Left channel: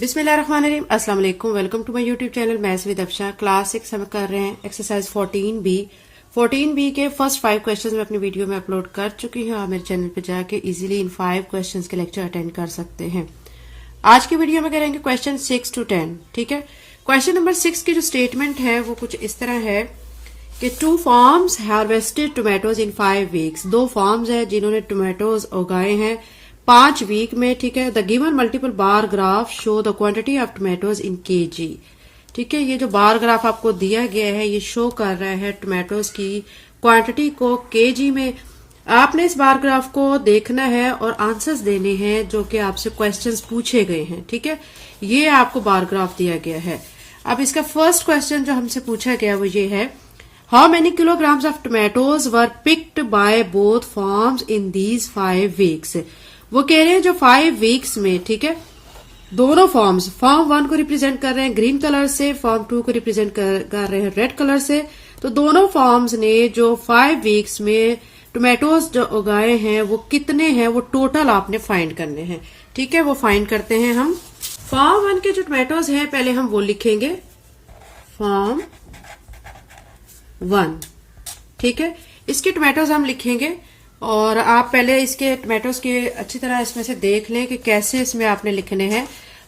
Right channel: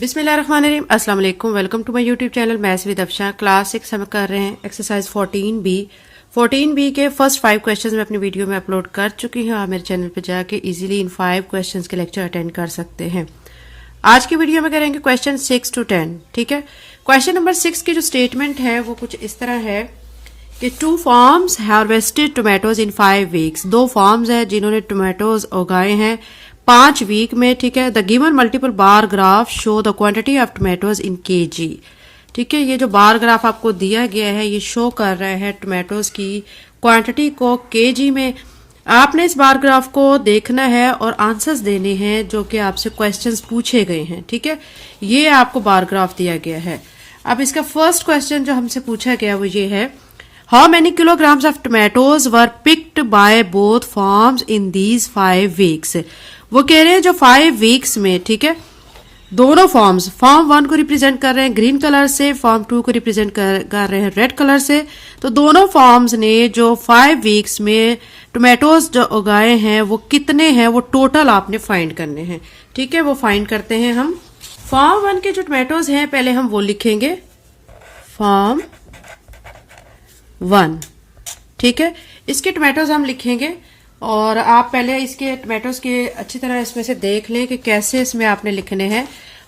बिस्मिल्लाहिर्रहमानिर्रहीम, अस्सलाम वालेकुम। Welcome to my YouTube channel maths with Afsha. Class 6 हम कर रहे हैं एक्सरसाइज 14B के फर्स्ट 5 क्वेश्चंस मैं अपनी वीडियो में अपलोड कर चुकी हूँ। आप मेरे चैनल पे जाके इजीली इन 5 क्वेश्चंस के लेक्चर अटेंड कर सकते हैं। आज की वीडियो में करेंगे क्वेश्चन 6 to 10। ठीक है, क्वेश्चन नंबर 6 की जो स्टेटमेंट है वो कुछ इस तरह है कि 2 farms हार्वेस्टेड टोमेटोज इन 5 वीक्स। 2 farms है जिन्होंने टोमेटोज उगाए हैं 5 वीक में। ठीक है, the given multiple bar graph show the quantity of tomatoes in KG. ठीक है, ये जो बार ग्राफ आपको दिया गया है ये शो कर रहा है टोमेटोज की क्वांटिटी को केजी में। आपने इस बार ग्राफ को देखना है और आंसर्स देने हैं जो कि आपसे क्वेश्चंस पूछे गए हैं। ठीक है, ये आपको बार ग्राफ दिया गया है। अब इसका फर्स्ट क्वेश्चन जो हमसे पूछा गया वो ये है, how many kilograms of tomatoes were picked bye both farms in these 5 weeks. वो कह रहे हैं जो 5 वीक्स में, ठीक है, दोनों फॉर्म्स, फॉर्म 1 को रिप्रेजेंट कर रहे हैं ग्रीन कलर से, फॉर्म 2 को रिप्रेजेंट कर रहे हैं रेड कलर से। तो दोनों फॉर्म्स ने जो 5 वीक्स में टोमेटोज जो उगाए हैं वो कितने हैं, वो टोटल आपने फाइंड करने हैं। ठीक है, वो फाइंड करते हैं हम। फॉर्म 1 के जो टोमेटोज हैं पहले हम वो लिखेंगे, फॉर्म 1। ठीक है, इसके टोमेटोज हम लिखेंगे और आप पहले इसके टोमेटोज के अच्छी तरह इसमें से देख लें कि कैसे इसमें आपने लिखने हैं।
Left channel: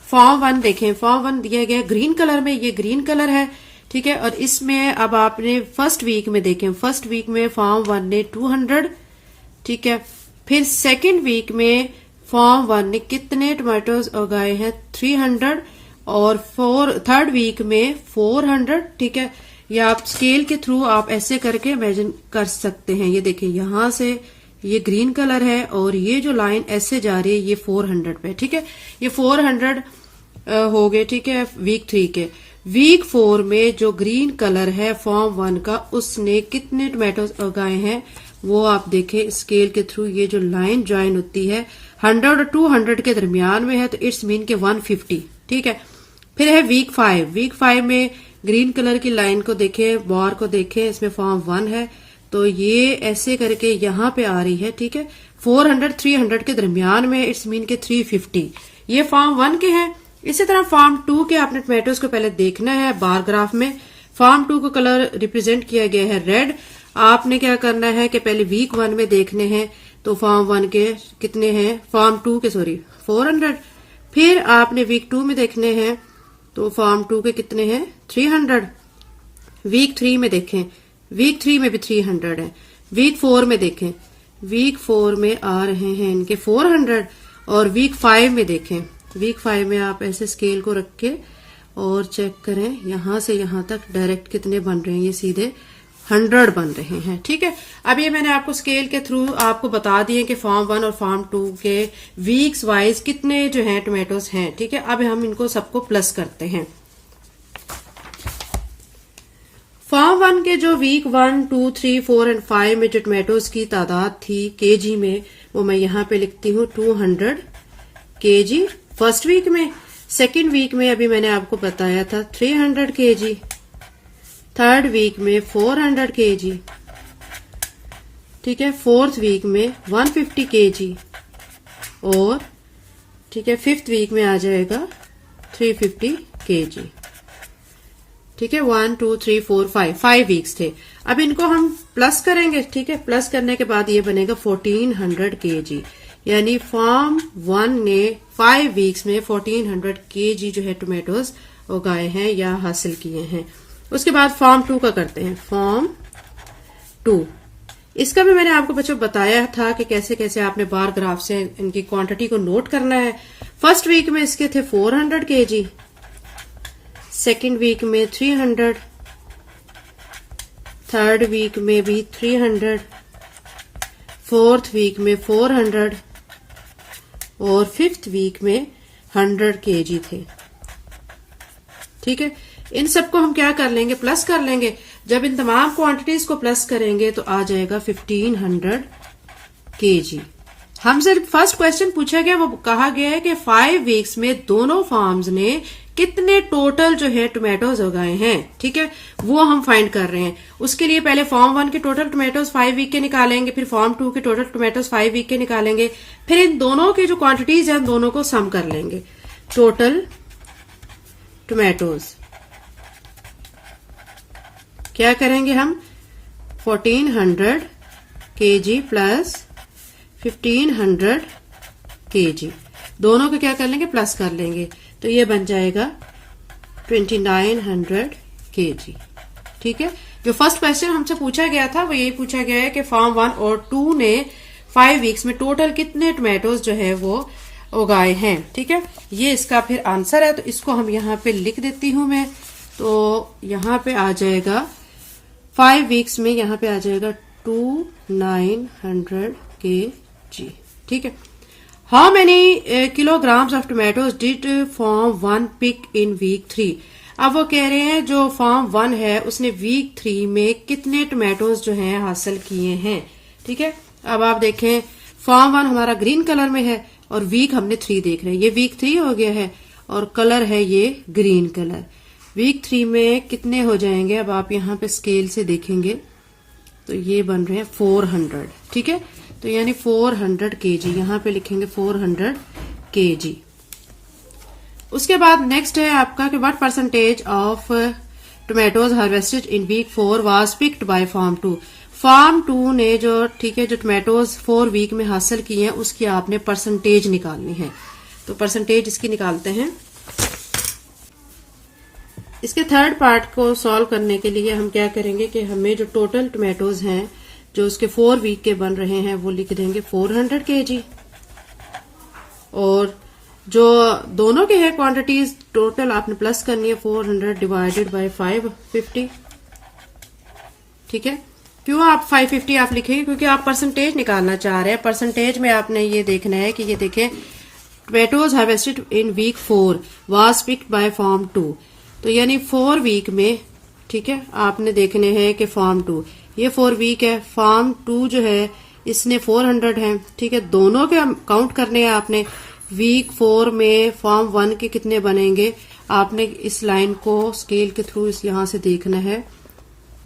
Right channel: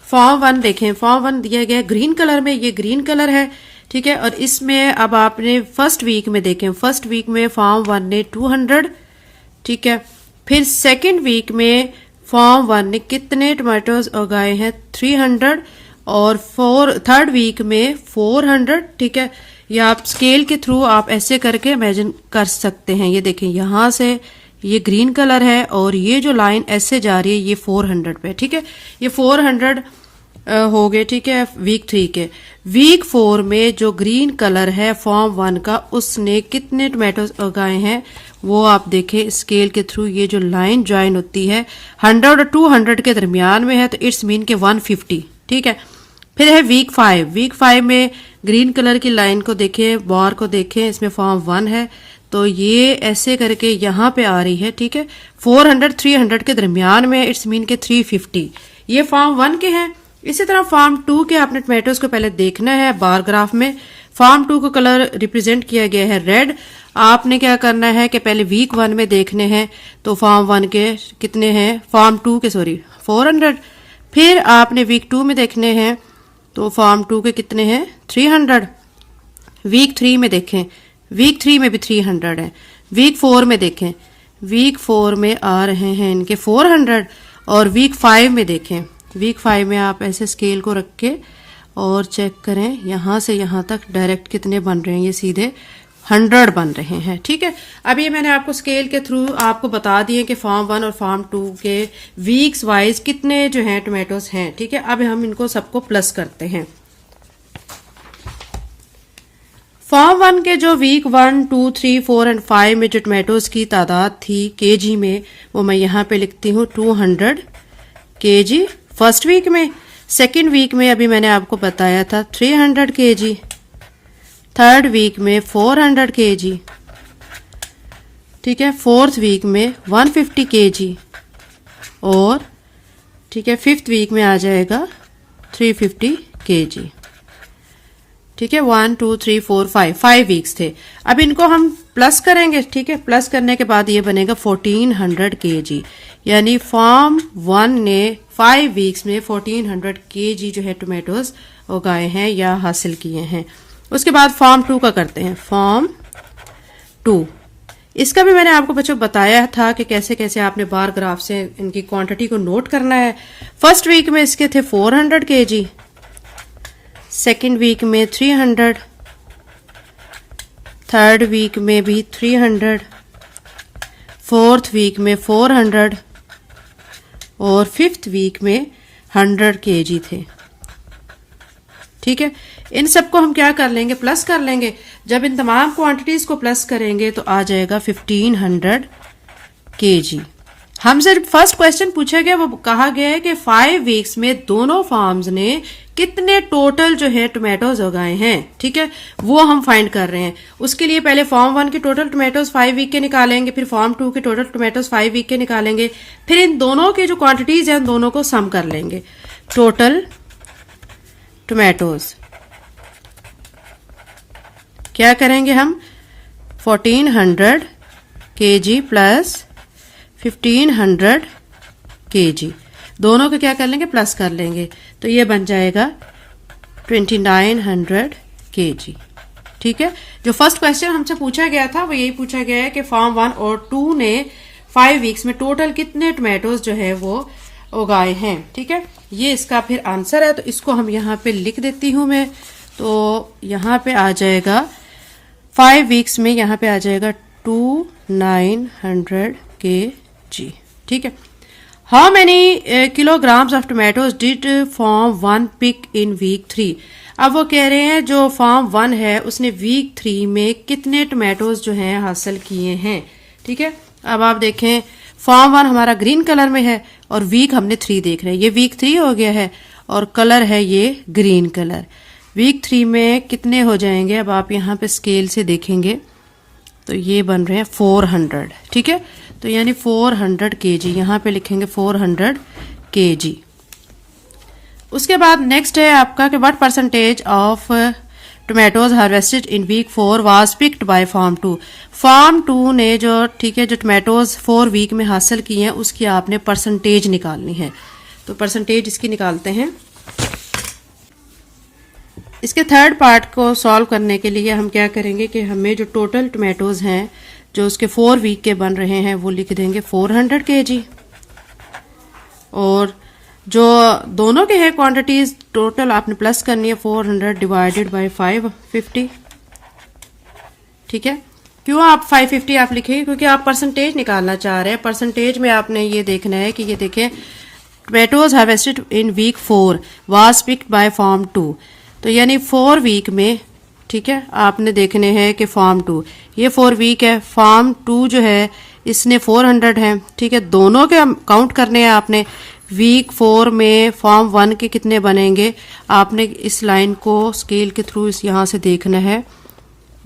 फॉर्म 1 देखें, फॉर्म 1 दिया गया है ग्रीन कलर में, ये ग्रीन कलर है। ठीक है, और इसमें अब आपने फर्स्ट वीक में देखें, फर्स्ट वीक में फॉर्म 1 ने 200। ठीक है, फिर सेकेंड वीक में फॉर्म 1 ने कितने टोमेटोज उगाए हैं 300 और थर्ड वीक में 400। ठीक है, या आप स्केल के थ्रू आप ऐसे करके इमेजिन कर सकते हैं। ये देखें, यहां से ये ग्रीन कलर है और ये जो लाइन ऐसे जा रही है ये 400 पे। ठीक है, ये 400 हो गए। ठीक है, वीक 3 के। वीक 4 में जो ग्रीन कलर है फॉर्म 1 का, उसने कितने टोमेटोज उगाए हैं वो आप देखें स्केल के थ्रू। ये जो लाइन ज्वाइन होती है 100 और 200 के दरमियान में है, तो इट्स मीन के 150। ठीक है, फिर है वीक 5। वीक 5 में ग्रीन कलर की लाइन को देखें, बार को देखें, इसमें फॉर्म 1 है तो ये ऐसे करके यहां पे आ रही है। ठीक है, 400 300 के दरमियान में, इट्स मीन के 350। ये फॉर्म 1 के हैं। इसी तरह फॉर्म 2 के आपने टोमेटोज को पहले देखना है बार ग्राफ में। फॉर्म 2 को कलर रिप्रेजेंट किया गया है रेड। आपने क्या करना है कि पहले वीक 1 में देखने हैं, तो फॉर्म 1 के कितने हैं, फॉर्म 2 के 400। फिर आपने वीक 2 में देखने हैं, तो फॉर्म 2 के कितने हैं 300। वीक 3 में देखें, वीक 3 में भी 300 है। वीक 4 में देखें, वीक 4 में आ रहे हैं इनके 400। और वीक 5 में देखें, वीक 5 में आप ऐसे स्केल को रख के और चेक करें, यहां से यहां तक डायरेक्ट कितने बन रहे हैं, ये सीधे 100 बन रहे हैं। ठीक है, अब ये मैंने आपको स्केल के थ्रू आपको बता दिए कि फॉर्म 1 और फॉर्म 2 के वीक्स वाइज कितने जो हैं टोमेटोज हैं। ठीक है, अब हम इनको सबको प्लस करते हैं। फॉर्म 1 के जो वीक 1, 2, 3, 4 और 5 में जो टोमेटोज की तादाद थी केजी में, वो मैं यहाँ पे लिखती हूँ 200 केजी फर्स्ट वीक में। सेकेंड वीक में अभी मैंने आपको बताया था 300 केजी। थर्ड वीक में 400 केजी। ठीक है, फोर्थ वीक में 150 केजी और ठीक है फिफ्थ वीक में आ जाएगा 350 केजी। ठीक है, 1 2 3 4 5 वीक्स थे। अब इनको हम प्लस करेंगे। ठीक है, प्लस करने के बाद ये बनेगा 1400 केजी। यानी फॉर्म 1 ने 5 वीक्स में 1400 केजी जो है टोमेटोज उगाए हैं या हासिल किए हैं। उसके बाद फॉर्म 2 का करते हैं, फॉर्म 2। इसका भी मैंने आपको बच्चों बताया था कि कैसे कैसे आपने बार ग्राफ से इनकी क्वांटिटी को नोट करना है। फर्स्ट वीक में इसके थे 400 केजी, सेकेंड वीक में 300, थर्ड वीक में भी 300, फोर्थ वीक में 400 और फिफ्थ वीक में 100 केजी थे। ठीक है, इन सबको हम क्या कर लेंगे, प्लस कर लेंगे। जब इन तमाम क्वांटिटीज को प्लस करेंगे तो आ जाएगा 1500 केजी। हमसे फर्स्ट क्वेश्चन पूछा गया, वो कहा गया है कि 5 वीक्स में दोनों फार्म्स ने कितने टोटल जो है टोमेटोज उगाए हैं। ठीक है, वो हम फाइंड कर रहे हैं। उसके लिए पहले फॉर्म 1 के टोटल टोमेटोज 5 वीक के निकालेंगे, फिर फॉर्म 2 के टोटल टोमेटोज 5 वीक के निकालेंगे, फिर इन दोनों की जो क्वांटिटीज हैं दोनों को सम कर लेंगे। Total tomatoes. क्या करेंगे हम 1400 kg प्लस 1500 kg, दोनों को क्या कर लेंगे प्लस कर लेंगे, तो ये बन जाएगा 2900 kg। ठीक है, जो फर्स्ट क्वेश्चन हमसे पूछा गया था वो यही पूछा गया है कि फार्म 1 और 2 ने 5 वीक्स में टोटल कितने टोमेटोज जो है वो उगाए हैं। ठीक है, ये इसका फिर आंसर है, तो इसको हम यहाँ पे लिख देती हूं मैं। तो यहाँ पे आ जाएगा 5 वीक्स में, यहाँ पे आ जाएगा 2900 kg। ठीक है, how many kilograms of tomatoes did farm 1 pick in week 3। अब वो कह रहे हैं जो फार्म 1 है उसने वीक 3 में कितने टोमेटोज जो है हासिल किए हैं। ठीक है, अब आप देखें फार्म 1 हमारा ग्रीन कलर में है और वीक हमने 3 देख रहे हैं, ये वीक 3 हो गया है और कलर है ये ग्रीन कलर। वीक 3 में कितने हो जाएंगे, अब आप यहाँ पे स्केल से देखेंगे तो ये बन रहे हैं 400। ठीक है, तो यानी 400 kg, यहाँ पे लिखेंगे 400 kg। उसके बाद नेक्स्ट है आपका कि what percentage of tomatoes harvested in week 4 was picked by farm 2। Farm 2 ने जो ठीक है जो टोमेटोज 4 वीक में हासिल किए हैं उसकी आपने परसेंटेज निकालनी है। तो परसेंटेज इसकी निकालते हैं। इसके थर्ड पार्ट को सॉल्व करने के लिए हम क्या करेंगे कि हमें जो टोटल टोमेटोज हैं जो उसके 4 वीक के बन रहे हैं वो लिख देंगे 400 kg, और जो दोनों के हैं क्वांटिटीज टोटल आपने प्लस करनी है 400 डिवाइडेड बाय 550। ठीक है, क्यों आप 550 आप लिखेंगे, क्योंकि आप परसेंटेज निकालना चाह रहे हैं। परसेंटेज में आपने ये देखना है कि ये देखें tomatoes harvested in week 4 was picked by farm 2, तो यानी 4 वीक में ठीक है आपने देखने हैं कि फार्म 2 ये 4 वीक है, फार्म 2 जो है इसने 400 है। ठीक है, दोनों के काउंट करने हैं आपने। वीक 4 में फार्म 1 के कितने बनेंगे, आपने इस लाइन को स्केल के थ्रू इस यहां से देखना है।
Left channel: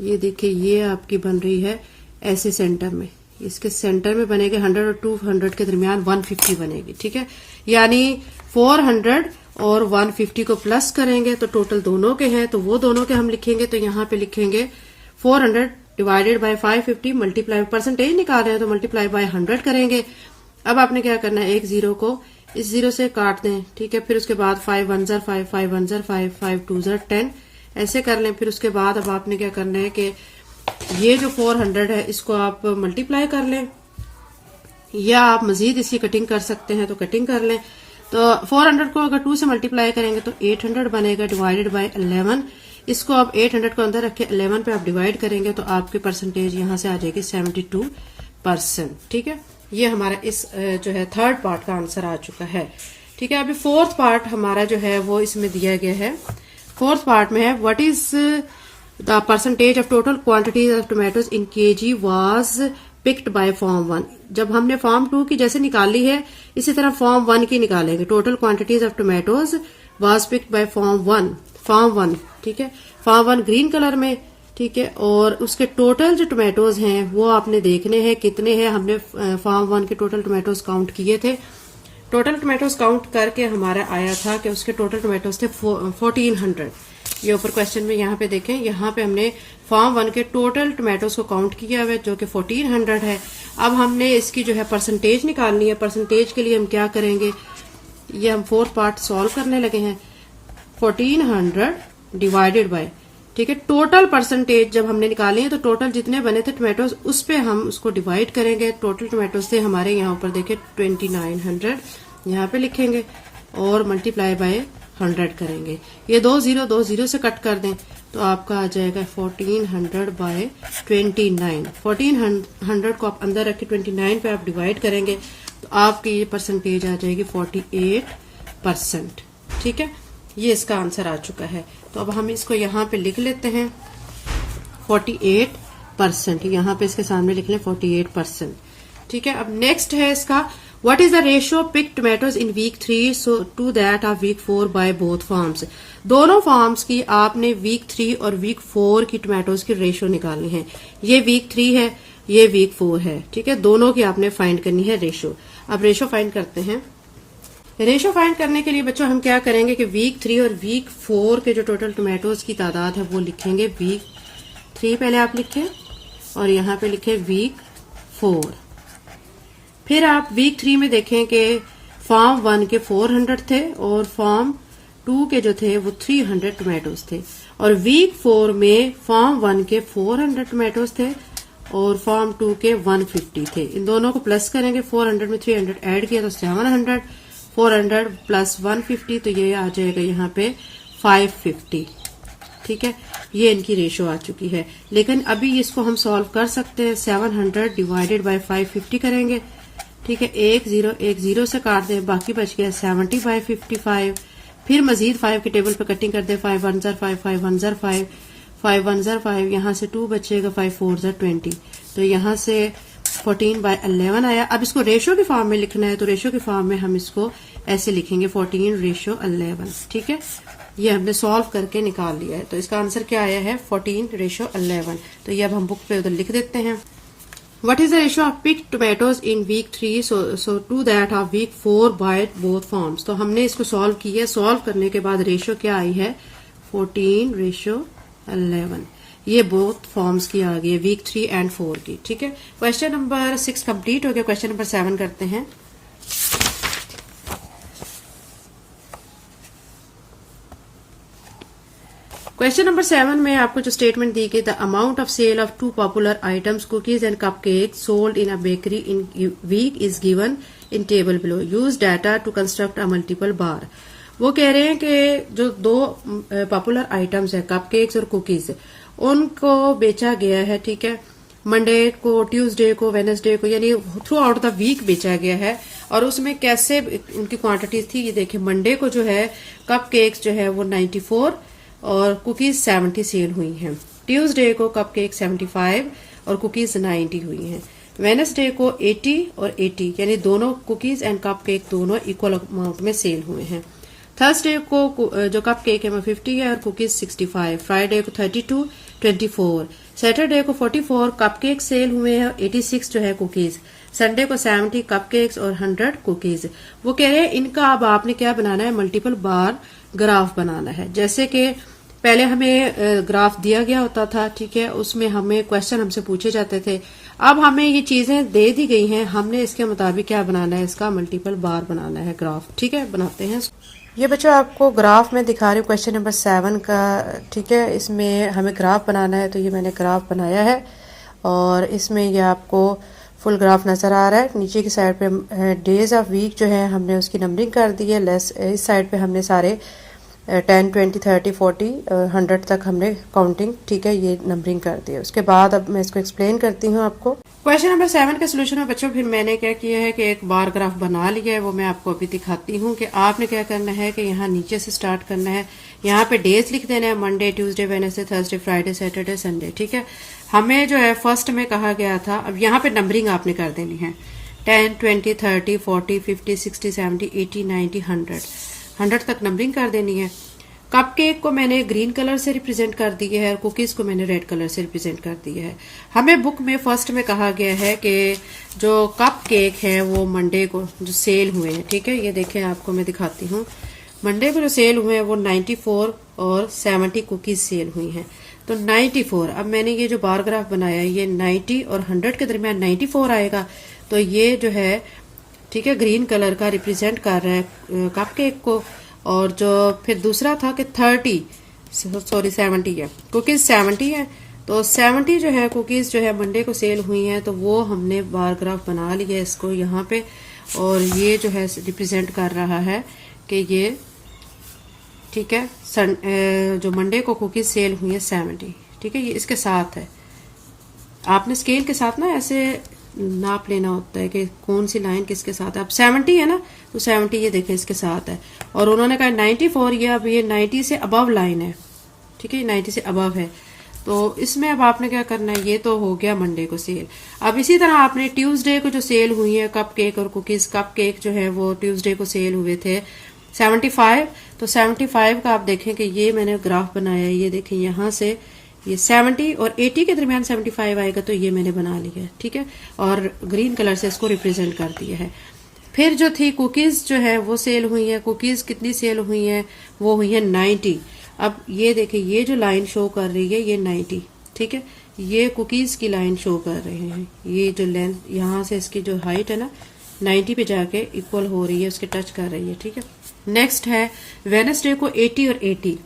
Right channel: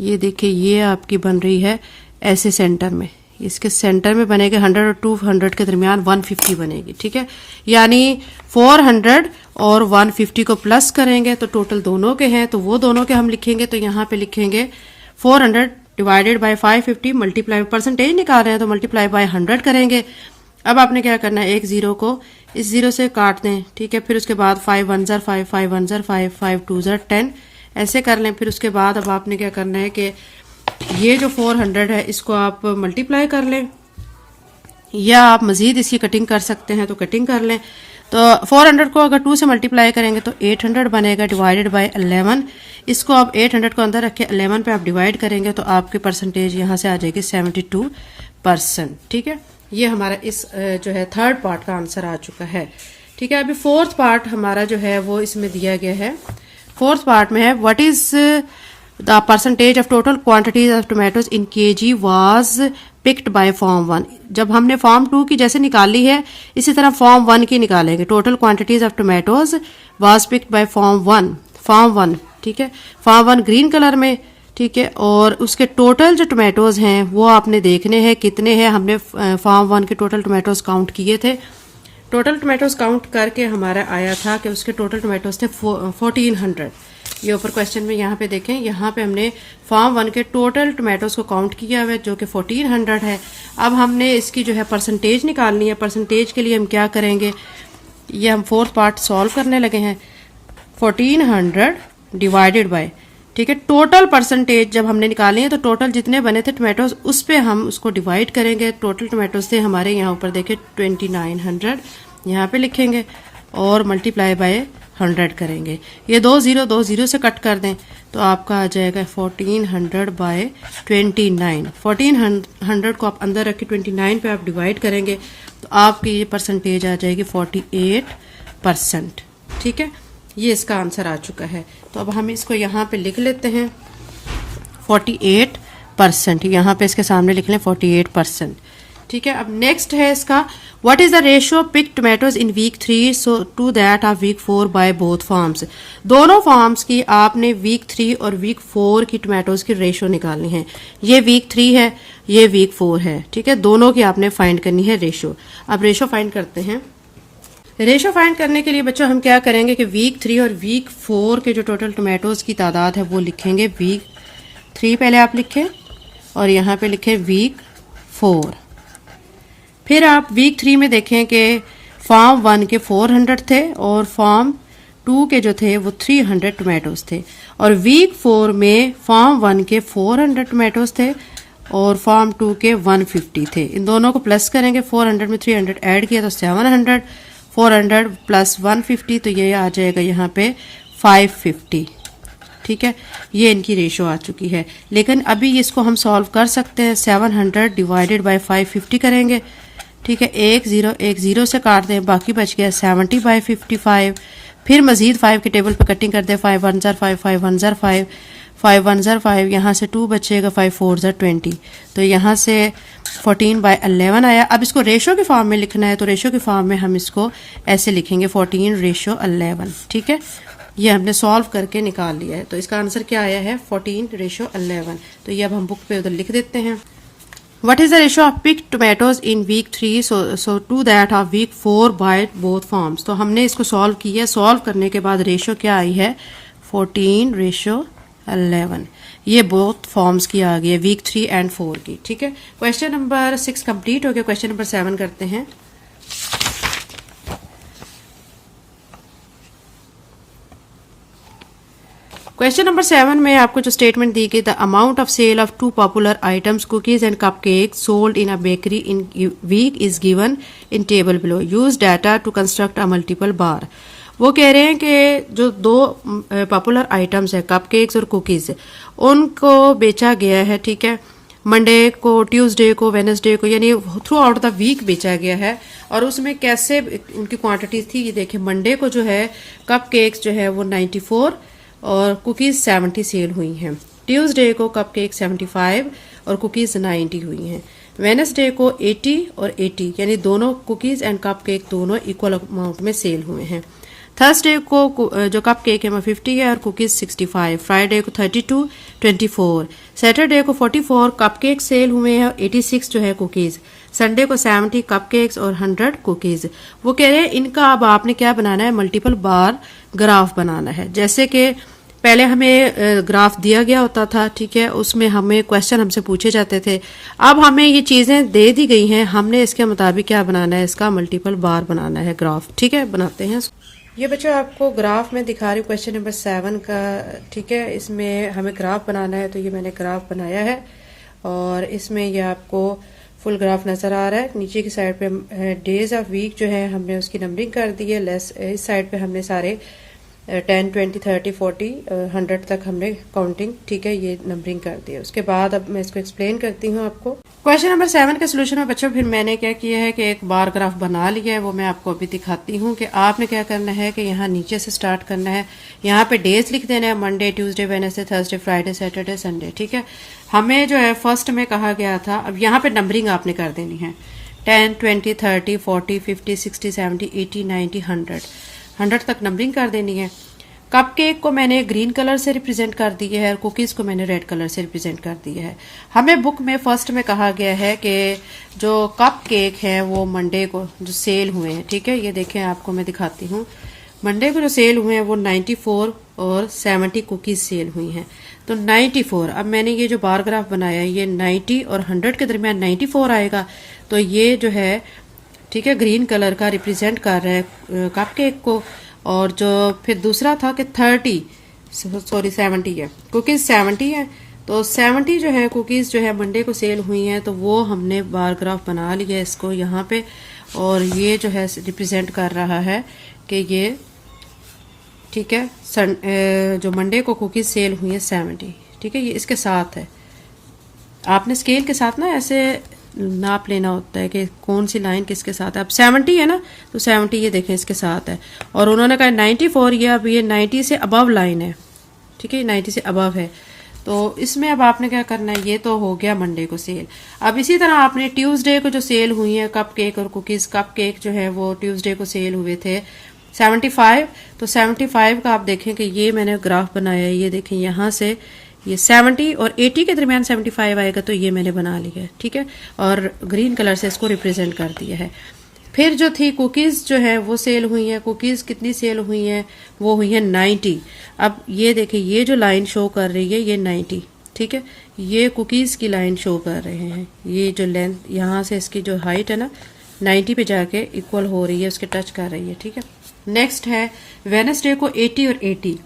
ये देखिए ये आपकी बन रही है ऐसे सेंटर में, इसके सेंटर में बनेगा 100 और 200 के दरमियान 150 बनेगी। ठीक है, यानी 400 और 150 को प्लस करेंगे तो टोटल दोनों के हैं, तो वो दोनों के हम लिखेंगे। तो यहाँ पे लिखेंगे 400 डिवाइडेड बाय 550 मल्टीप्लाई, परसेंटेज निकाल रहे हैं तो मल्टीप्लाई बाय 100 करेंगे। अब आपने क्या करना है, एक जीरो को इस जीरो से काट दें। ठीक है, फिर उसके बाद 5 1 ज़र 5, 5 1 ज़र 5, 5 2 ज़र 10 ऐसे कर लें। फिर उसके बाद अब आपने क्या करना है कि ये जो 400 है इसको आप मल्टीप्लाई कर लें, या आप मजीद इसकी कटिंग कर सकते हैं तो कटिंग कर लें। तो 400 को अगर 2 से मल्टीप्लाई करेंगे तो 800 बनेगा डिवाइडेड बाय 11। इसको आप 800 को अंदर रखे 11 पे आप डिवाइड करेंगे तो आपकी परसेंटेज यहाँ से आ जाएगी 72%। ठीक है, ये हमारा इस जो है थर्ड पार्ट का आंसर आ चुका है। ठीक है, अभी फोर्थ पार्ट हमारा जो है वो इसमें दिया गया है। फोर्थ पार्ट में है what is the percentage of total quantities of tomatoes in KG was picked by form 1। जब हमने फॉर्म 2 की जैसे निकाली है इसी तरह फॉर्म 1 की निकालेंगे। Total quantities of tomatoes was picked by form 1, form 1। ठीक है, फॉर्म 1 ग्रीन कलर में। ठीक है, और उसके टोटल जो टोमेटोज हैं वो आपने देखने हैं कितने हैं। हमने फॉर्म 1 के टोटल टोमेटोज काउंट किए थे। टोटल टोमेटोज काउंट करके हमारा आया था कि उसके टोटल टोमेटोज थे 1400। ये ऊपर क्वेश्चन में यहाँ पे देखें, यहाँ पे हमने फॉर्म 1 के टोटल टोमेटोज को काउंट किया हुआ है जो कि 1400 है। अब हमने इसकी जो है परसेंटेज निकालनी है। परसेंटेज के लिए हम क्या करेंगे, ये हम फोर्थ पार्ट सॉल्व करने लगे हैं। 1400 डिवाइडेड बाय, ठीक है, टोटल परसेंटेज जब हमने निकाले हैं तो टोटल जितने बने थे टोमेटोज उस पे हम उसको डिवाइड करेंगे। टोटल टोमेटोज थे हमारे यहाँ ऊपर देखे 2900, यहाँ पे लिखेंगे और मल्टीप्लाई बाय 100 करेंगे। ये 2 0 से कट कर दें तो आपका आ जाएगा 1400 बाय 29। 1400 को आप अंदर रख के 29 पे आप डिवाइड करेंगे तो आपकी ये परसेंटेज आ जाएगी 48%। ठीक है, ये इसका आंसर आ चुका है। तो अब हम इसको यहाँ पे लिख लेते हैं 48%। यहाँ पे इसके सामने लिख लें 48%। ठीक है, अब नेक्स्ट है इसका what is the ratio pick tomatoes in week 3 so to that of week 4 by both farms. दोनों फार्म्स की आपने वीक 3 और वीक 4 की टोमेटोज की रेशियो निकालनी है। ये वीक 3 है, ये वीक 4 है। ठीक है, दोनों की आपने फाइंड करनी है रेशियो। अब रेशियो फाइंड करते हैं। रेशो फाइंड करने के लिए बच्चों हम क्या करेंगे कि वीक 3 और वीक 4 के जो टोटल टोमेटोज की तादाद है वो लिखेंगे। वीक 3 पहले आप लिखें और यहाँ पे लिखें वीक 4। फिर आप वीक 3 में देखें कि फार्म 1 के 400 थे और फार्म 2 के जो थे वो 300 टोमेटोज थे, और वीक 4 में फार्म 1 के 400 टोमेटोज थे और फार्म 2 के 150 थे। इन दोनों को प्लस करेंगे, 400 में 300 ऐड किया तो 700, 400 प्लस 150 तो ये आ जाएगा यहाँ पे 550। ठीक है, ये इनकी रेशो आ चुकी है। लेकिन अभी इसको हम सॉल्व कर सकते हैं। 700 डिवाइडेड बाय 550 करेंगे। ठीक है, एक जीरो से काट दें, बाकी बच गया 70 बाय 55। फिर मजीद 5 के टेबल पे कटिंग कर दें, 5 1 5, 5 1 5, 5 1 5, यहाँ से 2 बचेगा, 5 4 20, तो यहाँ से 14 बाय 11 आया। अब इसको रेशो के फॉर्म में लिखना है, तो रेशो के फॉर्म में हम इसको ऐसे लिखेंगे 14:11। ठीक है, ये हमने सॉल्व करके निकाल लिया है। तो इसका आंसर क्या आया है 14:11। तो ये अब हम बुक पे उधर लिख देते हैं। What is the ratio of picked tomatoes in week 3 so to that of week 4 by both forms? तो हमने इसको सॉल्व किया। सॉल्व करने के बाद रेशो क्या आई है 14:11। ये बोथ फॉर्म्स की आ गई है, वीक 3 एंड 4 की। ठीक है, क्वेश्चन नंबर 6 कंप्लीट हो गया। क्वेश्चन नंबर 7 करते हैं। क्वेश्चन नंबर 7 में आपको जो स्टेटमेंट दी गई, the amount of sale of 2 popular items cookies and cupcake sold in a bakery in week is given in table below, use data to construct a multiple bar. वो कह रहे हैं कि जो 2 पॉपुलर आइटम्स है cupcakes और cookies, उनको बेचा गया है। ठीक है, मंडे को, ट्यूसडे को, वेडनेसडे को, यानी थ्रू आउट द वीक बेचा गया है। और उसमें कैसे उनकी क्वांटिटी थी, ये देखिए। मंडे को जो है कपकेक्स जो है वो 94 और कुकीज 70 सेल हुई हैं। ट्यूसडे को कपकेक 75 और कुकीज 90 हुई हैं। वेडनेसडे को 80 और 80, यानी दोनों कुकीज एंड कपकेक दोनों इक्वल अमाउंट में सेल हुए हैं। थर्सडे को जो कपकेक है वो 50 है और कुकीज 65। फ्राइडे को 32, 24। सैटरडे को 44 कपकेक सेल हुए हैं और 86 जो है कुकीज। संडे को 70 कपकेक्स और 100 कुकीज। वो कह रहे हैं इनका अब आपने क्या बनाना है, मल्टीपल बार ग्राफ बनाना है। जैसे कि पहले हमें ग्राफ दिया गया होता था, ठीक है, उसमें हमें क्वेश्चन हमसे पूछे जाते थे। अब हमें ये चीजें दे दी गई हैं, हमने इसके मुताबिक क्या बनाना है, इसका मल्टीपल बार बनाना है ग्राफ। ठीक है, बनाते हैं। ये बच्चों आपको ग्राफ में दिखा रही हूँ क्वेश्चन नंबर 7 का। ठीक है, इसमें हमें ग्राफ बनाना है, तो ये मैंने ग्राफ बनाया है और इसमें ये आपको फुल ग्राफ नजर आ रहा है। नीचे की साइड पे डेज ऑफ वीक जो है हमने उसकी नंबरिंग कर दी है। लेस इस साइड पे हमने सारे 10, 20, 30, 40, 100 तक हमने काउंटिंग, ठीक है, ये नंबरिंग कर दी है। उसके बाद अब मैं इसको एक्सप्लेन करती हूँ आपको। क्वेश्चन नंबर 7 के सोल्यूशन में बच्चों फिर मैंने क्या किया है कि एक बार ग्राफ बना लिया है, वो मैं आपको अभी दिखाती हूँ कि आपने क्या करना है कि यहाँ नीचे से स्टार्ट करना है। यहाँ पे डेज लिख देना है, Monday, Tuesday, Wednesday, Thursday, Friday, Saturday, Sunday. ठीक है, हमें जो है फर्स्ट में कहा गया था, अब यहाँ पे नंबरिंग आपने कर देनी है। 10, 20, 30, 40, 50, 60, 70, 80, 90, 100 तक नंबरिंग कर देनी है। कपकेक को मैंने ग्रीन कलर से रिप्रेजेंट कर दिया है और कुकीज को मैंने रेड कलर से रिप्रेजेंट कर दिया है। हमें बुक में फर्स्ट में कहा गया है कि जो कपकेक है वो मंडे को जो सेल हुए हैं, ठीक है, ये देखें आपको मैं दिखाती हूँ। मंडे को जो सेल हुए हैं वो 94 और 70 कुकीज सेल हुई हैं। तो 94, अब मैंने ये जो बार ग्राफ बनाया है ये 90 और 100 के दरमियान 94 आएगा। तो ये जो है, ठीक है, ग्रीन कलर का रिप्रेजेंट कर रहा है कपकेक को। और जो फिर दूसरा था कि 70 है, कुकीज 70 है। तो 70 जो है कुकीज जो है मंडे को सेल हुई हैं, तो वो हमने बार ग्राफ बना लिया इसको यहाँ पे। और ये जो है रिप्रेजेंट कर रहा है कि ये, ठीक है, जो मंडे को कुकीज सेल हुई है 70, ठीक है, ये इसके साथ है। आपने स्केल के साथ ना ऐसे नाप लेना होता है कि कौन सी लाइन किसके साथ है। अब 70 है ना, तो 70 ये देखें इसके साथ है। और उन्होंने कहा 94, ये अब ये 90 से अबव लाइन है, ठीक है, 90 से अबव है। तो इसमें अब आपने क्या करना है, ये तो हो गया मंडे को सेल। अब इसी तरह आपने ट्यूसडे को जो सेल हुई है कपकेक और कुकीज, कपकेक जो है वो ट्यूसडे को सेल हुए थे 75। तो 75 का आप देखें कि ये मैंने ग्राफ बनाया है, ये देखें यहाँ से ये 70 और 80 के दरमियान 75 आएगा, तो ये मैंने बना लिया है, ठीक है, और ग्रीन कलर से इसको रिप्रेजेंट कर दिया है। फिर जो थी कुकीज जो है वो सेल हुई है। कुकीज कितनी सेल हुई है? वो हुई है 90। अब ये देखिए, ये जो लाइन शो कर रही है ये 90, ठीक है। ये कुकीज की लाइन शो कर रहे हैं। ये जो लेंथ यहां से इसकी जो हाइट है ना 90 पे जाके इक्वल हो रही है, उसके टच कर रही है, ठीक है। नेक्स्ट है वेडनेसडे को 80 और 80,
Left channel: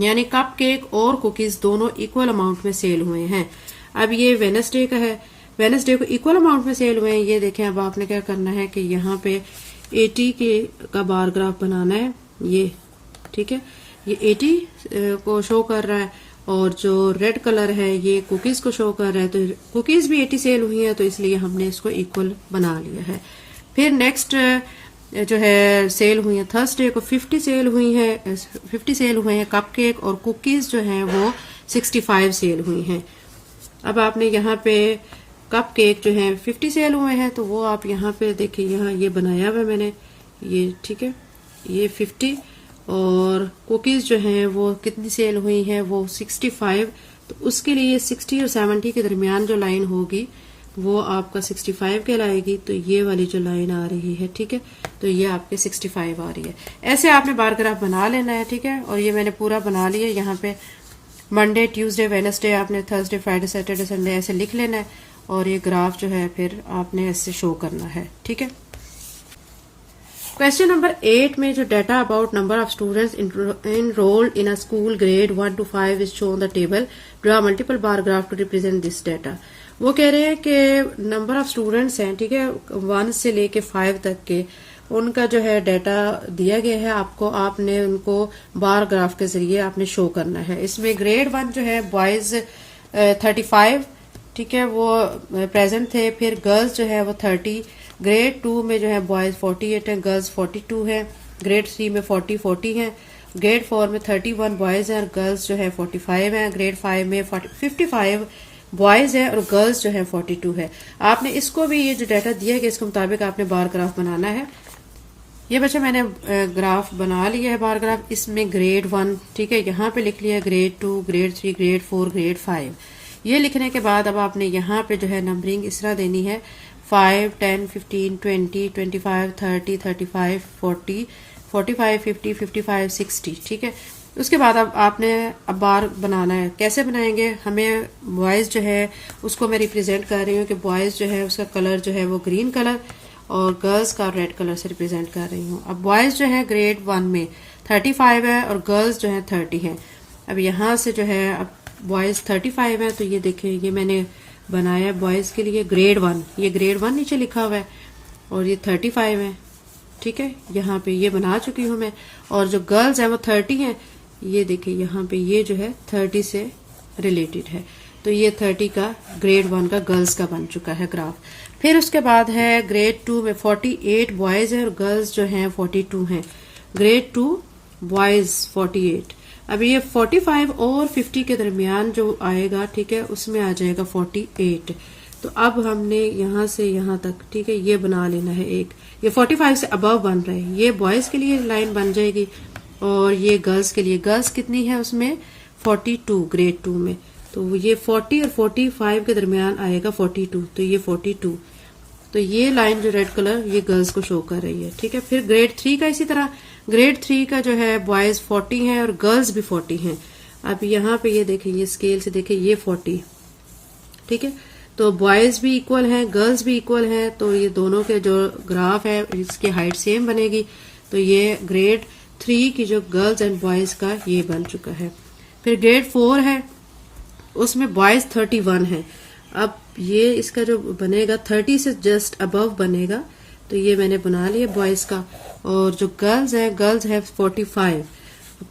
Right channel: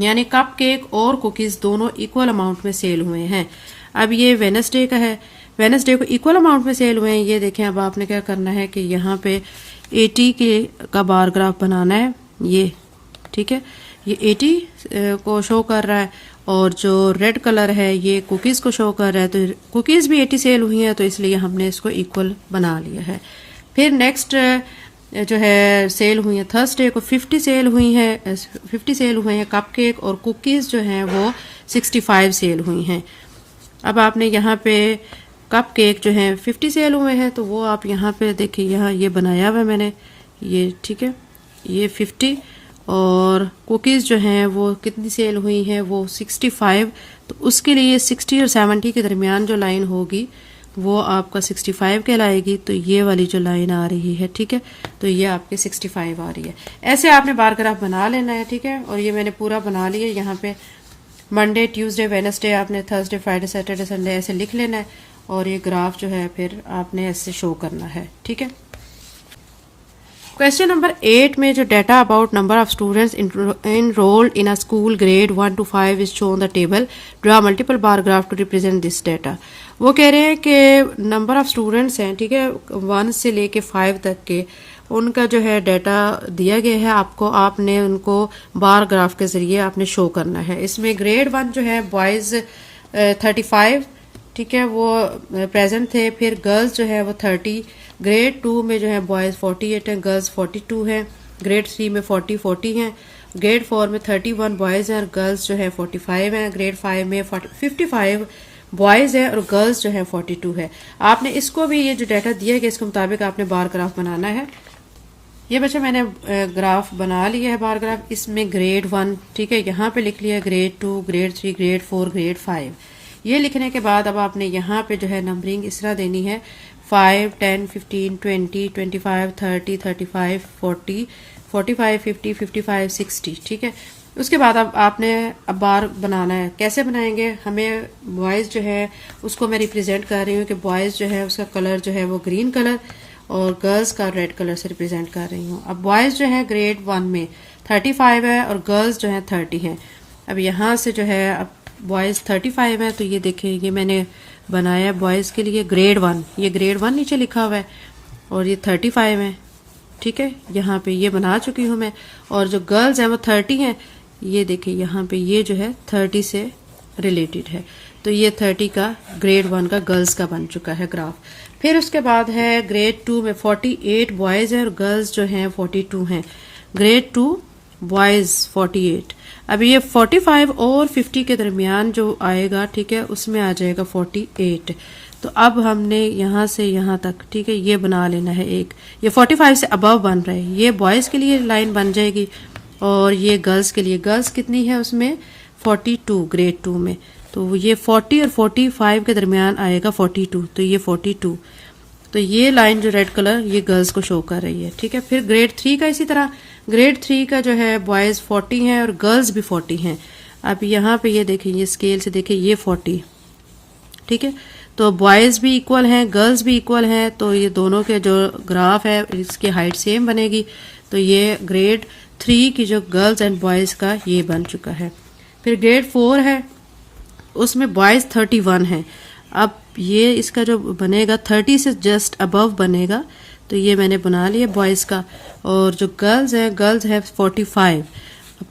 यानी कप केक और कुकीज दोनों इक्वल अमाउंट में सेल हुए हैं। अब ये वेडनेसडे का है, वेडनेसडे को इक्वल अमाउंट में सेल हुए हैं। ये देखें, अब आपने क्या करना है कि यहाँ पे 80 का बार ग्राफ बनाना है, ये ठीक है। ये 80 को शो कर रहा है और जो रेड कलर है ये कुकीज को शो कर रहा है। तो कुकीज भी 80 सेल हुई है, तो इसलिए हमने इसको इक्वल बना लिया है। फिर नेक्स्ट जो है सेल हुई है थर्सडे को 50 सेल हुई है, 50 सेल हुए हैं कप केक, और कुकीज जो है वो 65 सेल हुई हैं। अब आपने यहाँ पे कप केक जो है 50 सेल हुए हैं, तो वो आप यहाँ पे देखिए, यहाँ ये बनाया हुआ है मैंने, ये ठीक है, ये 50, और कुकीज जो हैं वो कितनी सेल हुई है? वो 65। तो उसके लिए 60 और 70 के दरमियान जो लाइन होगी वो आपका 65 कहलाएगी। तो ये वाली जो लाइन आ रही है, ठीक है, तो ये आपके 65 आ रही है। ऐसे आपने बार ग्राफ बना लेना है, ठीक है। और ये मैंने पूरा बना लिया। यहाँ पे मंडे, ट्यूसडे, वेडनेसडे आपने थर्सडे, फ्राइडे, सैटरडे, संडे ऐसे लिख लेना है, और ये ग्राफ जो है फिर आपने ऐसे शो करना है, ठीक है। क्वेश्चन नंबर 8 में जो data about number of students enrolled in a school grade 1 to 5 is shown the table. Draw multiple bar graph to represent this data. वो कह रहे हैं कि नंबर ऑफ स्टूडेंट्स हैं, ठीक है, 1 से लेके 5 तक के, उनका जो है डाटा दिया गया है आपको। आपने उनको बार ग्राफ के जरिए आपने शो करना है। इसमें ग्रेड 1 जो है बॉयज 35, ठीक है, वो प्रेजेंट थे। फिर गर्ल्स जो है वो 30, ग्रेड 2 में जो है बॉयज 48 हैं, गर्ल्स 42 हैं, ग्रेड 3 में 40 हैं, ग्रेड 4 में 31 बॉयज हैं और गर्ल्स जो है 45 हैं, ग्रेड 5 में 55 बॉयज हैं और गर्ल्स जो है 42 है। आपने इसको भी, ये जो डाटा दिया गया इसके मुताबिक आपने बार ग्राफ बनाना है। ये बच्चा मैंने ग्राफ बना लिया है, बार ग्राफ। इसमें ग्रेड 1, ठीक है, यहाँ पे लिख लिया, ग्रेड 2, ग्रेड 3, ग्रेड 4, ग्रेड 5। ये लिखने के बाद अब आपने यहाँ पे जो है नंबरिंग इस तरह देनी है, 5, 10, 15, 20, 25, 30, 35, 40, 45, 50, 55, 60, ठीक है। उसके बाद अब आपने अब बार बनाना है। कैसे बनाएंगे? हमें बॉयज जो है उसको मैं रिप्रेजेंट कर रही हूँ कि बॉयज जो है उसका कलर जो है वो ग्रीन कलर और गर्ल्स का रेड कलर से रिप्रेजेंट कर रही हूँ। अब बॉयज जो है ग्रेड 1 में 35 है और गर्ल्स जो है 30 है। अब यहाँ से जो है अब बॉयज 35 है, तो ये देखिए, ये मैंने बनाया बॉयज के लिए ग्रेड 1, ये ग्रेड 1 नीचे लिखा हुआ है, और ये 35 है, ठीक है, यहाँ पे ये बना चुकी हूँ मैं। और जो गर्ल्स हैं वो 30 हैं, ये देखिए यहाँ पे ये जो है 30 से रिलेटेड है, तो ये 30 का ग्रेड 1 का गर्ल्स का बन चुका है ग्राफ। फिर उसके बाद है ग्रेड 2 में 48 बॉयज हैं और गर्ल्स जो हैं 42 हैं, ग्रेड 2 बॉयज 48। अब ये 45 और 50 के दरमियान जो आएगा, ठीक है, उसमें आ जाएगा 48। तो अब हमने यहाँ से यहाँ तक, ठीक है, ये बना लेना है एक, ये 45 से अबव बन रहे हैं, ये बॉयज के लिए लाइन बन जाएगी और ये गर्ल्स के लिए, गर्ल्स कितनी है उसमें 42 ग्रेड 2 में, तो ये 40 और 45 के दरमियान आएगा 42, तो ये 42। तो ये लाइन जो रेड कलर ये गर्ल्स को शो कर रही है, ठीक है। फिर ग्रेड 3 का इसी तरह, ग्रेड 3 का जो है बॉयज 40 हैं और गर्ल्स भी 40 हैं। अब यहाँ पे ये देखिए, ये स्केल से देखिए, ये 40, ठीक है, तो बॉयज भी इक्वल हैं, गर्ल्स भी इक्वल हैं, तो ये दोनों के जो ग्राफ है इसकी हाइट सेम बनेगी। तो ये ग्रेड 3 की जो गर्ल्स एंड बॉयज का ये बन चुका है। फिर ग्रेड 4 है, उसमें बॉयज 31 है। अब ये इसका जो बनेगा 30 से जस्ट अबव बनेगा, तो ये मैंने बना लिया बॉयज का। और जो गर्ल्स है, गर्ल्स है 45,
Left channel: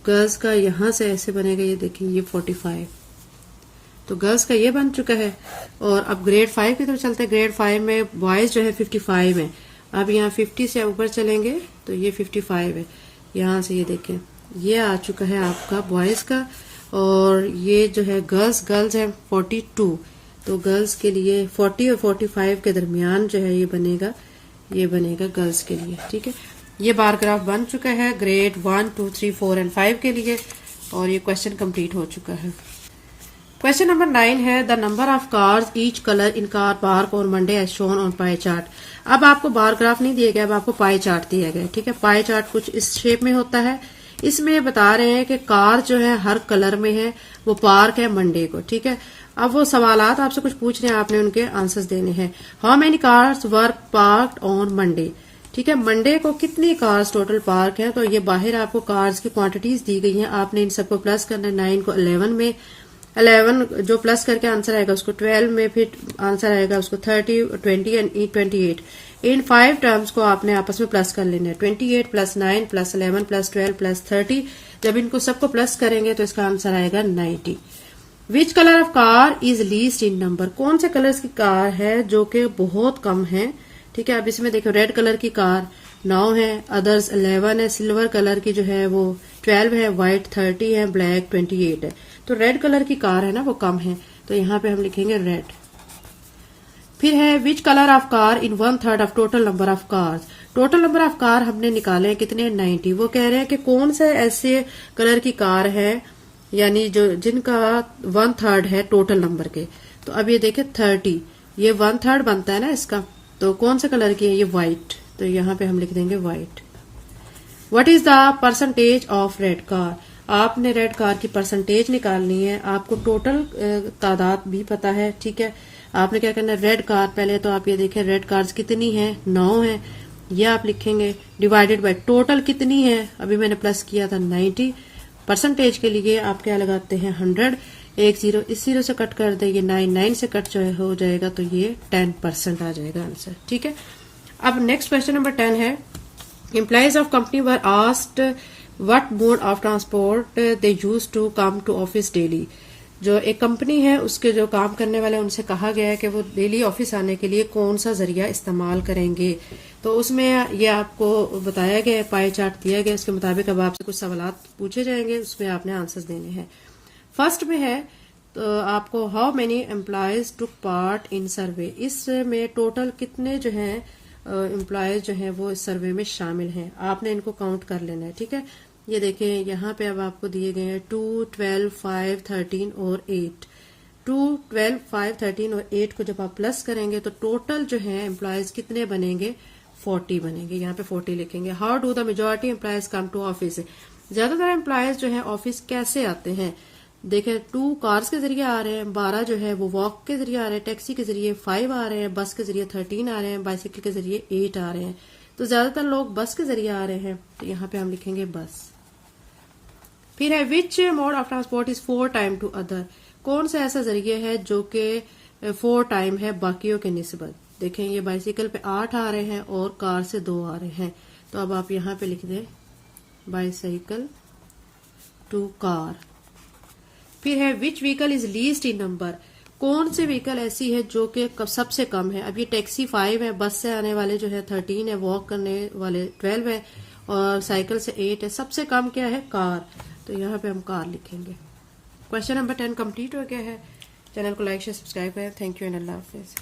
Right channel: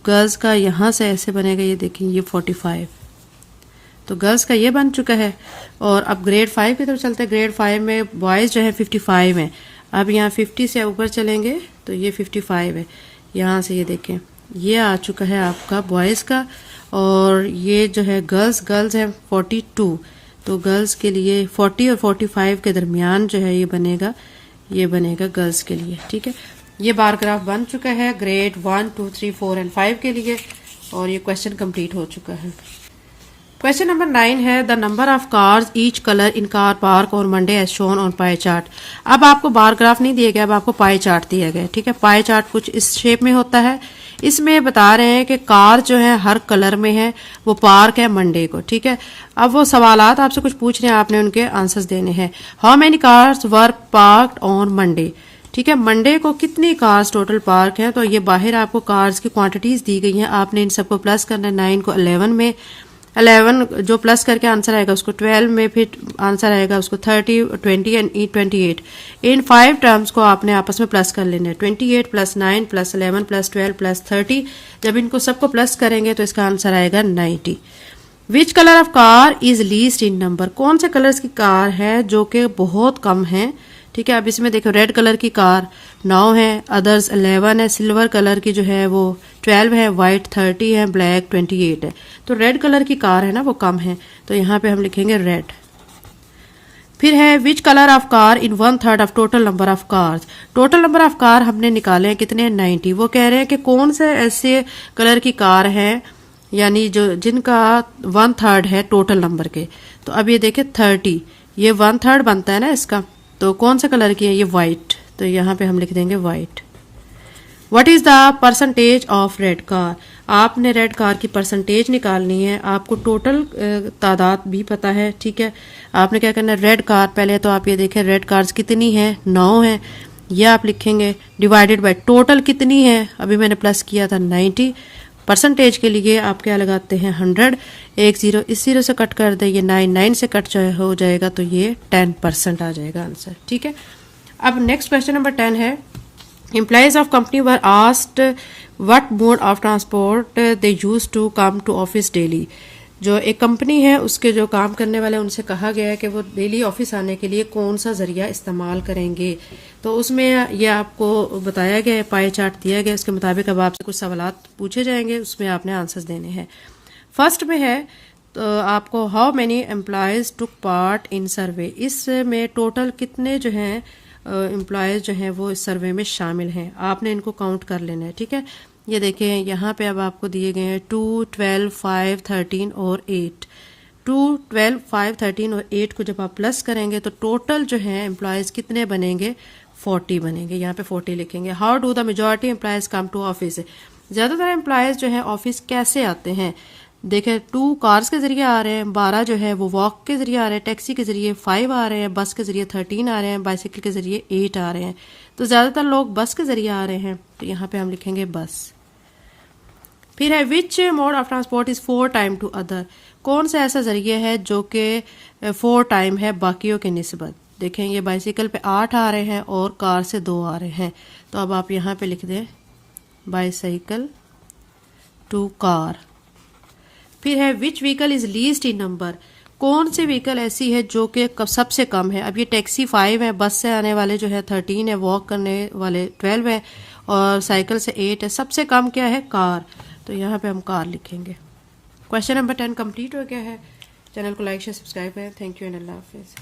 गर्ल्स का यहाँ से ऐसे बनेगा, ये देखिए ये 45, तो गर्ल्स का ये बन चुका है। और अब ग्रेड 5 की तरफ चलते हैं। ग्रेड 5 में बॉयज जो है 55 है। अब यहाँ 50 से ऊपर चलेंगे तो ये 55 है, यहाँ से ये देखें ये आ चुका है आपका बॉयज का। और ये जो है गर्ल्स है 42, तो गर्ल्स के लिए 40 और 45 के दरमियान जो है ये बनेगा गर्ल्स के लिए, ठीक है। ये बार ग्राफ बन चुका है ग्रेड 1, 2, 3, 4 एंड 5 के लिए, और ये क्वेश्चन कंप्लीट हो चुका है। क्वेश्चन नंबर 9 है the number of cars each colour in car park और Monday as shown on pie chart. अब आपको बार ग्राफ नहीं दिया गया, अब आपको पाई चार्ट दिया गया। ठीक है, पाई चार्ट कुछ इस शेप में होता है। इसमें बता रहे हैं कि कार जो है हर कलर में है, वो पार्क है मंडे को। ठीक है, अब वो सवालात आपसे कुछ पूछ रहे हैं, आपने उनके आंसर्स देने हैं। How many cars were parked on Monday. ठीक है, मंडे को कितनी कार्स टोटल पार्क है, तो ये बाहर आपको कार्स की क्वांटिटीज दी गई हैं। आपने इन सबको प्लस करना है। 9 को 11 में, 11 जो प्लस करके आंसर आएगा उसको 12 में, फिर आंसर आएगा उसको 30, 20 एंड 28। इन 5 टर्म्स को आपने आपस में प्लस कर लेना है। 28 प्लस 9 प्लस 11 प्लस 12 प्लस 30। जब इनको सबको प्लस करेंगे तो इसका आंसर आएगा 90। Which colour of car is least in number. कौन से कलर्स की कार है जो कि बहुत कम है। ठीक है, अब इसमें देखो रेड कलर की कार 9 है, अदर्स 11 है, सिल्वर कलर की जो है वो 12 है, व्हाइट 30 है, ब्लैक 28 है। तो रेड कलर की कार है ना वो कम है, तो यहाँ पे हम लिखेंगे रेड। फिर है which colour of car in 1/3 of total number of cars. Total number of car हमने निकाले हैं कितने, 90। वो कह रहे हैं कि कौन से ऐसे कलर की कार है यानी जो जिनका 1/3 है टोटल नंबर के। तो अब ये देखिए 30, ये 1/3 बनता है ना इसका, तो कौन से कलर की है, ये व्हाइट, तो यहाँ पे हम लिख देंगे white. What is the percentage of red car. आपने रेड कार की परसेंटेज निकालनी है। आपको टोटल तादाद भी पता है। ठीक है, आपने क्या करना है, रेड कार पहले तो आप ये देखें रेड कार्स कितनी है, 9 है। ये आप लिखेंगे डिवाइडेड बाय टोटल कितनी है, अभी मैंने प्लस किया था 90। परसेंटेज के लिए आप क्या लगाते हैं 100, एक जीरो इस जीरो से कट कर दे, ये 9 से कट हो जाएगा, तो ये 10% आ जाएगा आंसर। ठीक है, अब नेक्स्ट क्वेश्चन नंबर 10 है employees of company were asked what mode of transport they use to come to office daily. जो एक कंपनी है उसके जो काम करने वाले उनसे कहा गया है कि वो डेली ऑफिस आने के लिए कौन सा जरिया इस्तेमाल करेंगे। तो उसमें ये आपको बताया गया है, पाई चार्ट दिया गया, उसके मुताबिक अब आपसे कुछ सवालात पूछे जाएंगे, उसमें आपने आंसर्स देने हैं। फर्स्ट में है तो आपको how many employees took part in survey. इसमें टोटल कितने जो हैं एम्प्लॉयज जो हैं वो इस सर्वे में शामिल हैं, आपने इनको काउंट कर लेना है। ठीक है, ये देखें यहाँ पे अब आपको दिए गए हैं 2, 12, 5, 13 और 8। 2, 12, 5, 13 और 8 को जब आप प्लस करेंगे तो टोटल जो है एम्प्लॉयज कितने बनेंगे, 40 बनेंगे। यहाँ पे 40 लिखेंगे। How do the majority employees come to office. ज्यादातर एम्प्लॉयज जो है ऑफिस कैसे आते हैं, देखें 2 कार्स के जरिए आ रहे हैं, 12 जो है वो वॉक के जरिए आ रहे हैं, टैक्सी के जरिए 5 आ रहे हैं, बस के जरिए 13 आ रहे हैं, बाइसिकल के जरिए 8 आ रहे हैं। तो ज्यादातर लोग बस के जरिए आ रहे हैं, तो यहाँ पे हम लिखेंगे बस। फिर है which mode of transport is 4 time to other. कौन सा ऐसा जरिए है जो कि 4 टाइम है बाकियों के निस्बत। देखें ये बाइसिकल पे 8 आ रहे हैं और कार से 2 आ रहे हैं, तो अब आप यहाँ पे लिख दें बाइसाइकिल टू कार। फिर है which vehicle is least in number. कौन सी व्हीकल ऐसी है जो कि सबसे कम है। अब ये टैक्सी 5 है, बस से आने वाले जो है 13 है, वॉक करने वाले 12 है और साइकिल से 8 है। सबसे कम क्या है, कार, तो यहाँ पे हम कार लिखेंगे। क्वेश्चन नंबर 10 कंप्लीट हो गया है। चैनल को लाइक शेयर सब्सक्राइब करें। Thank you and Allah Hafiz.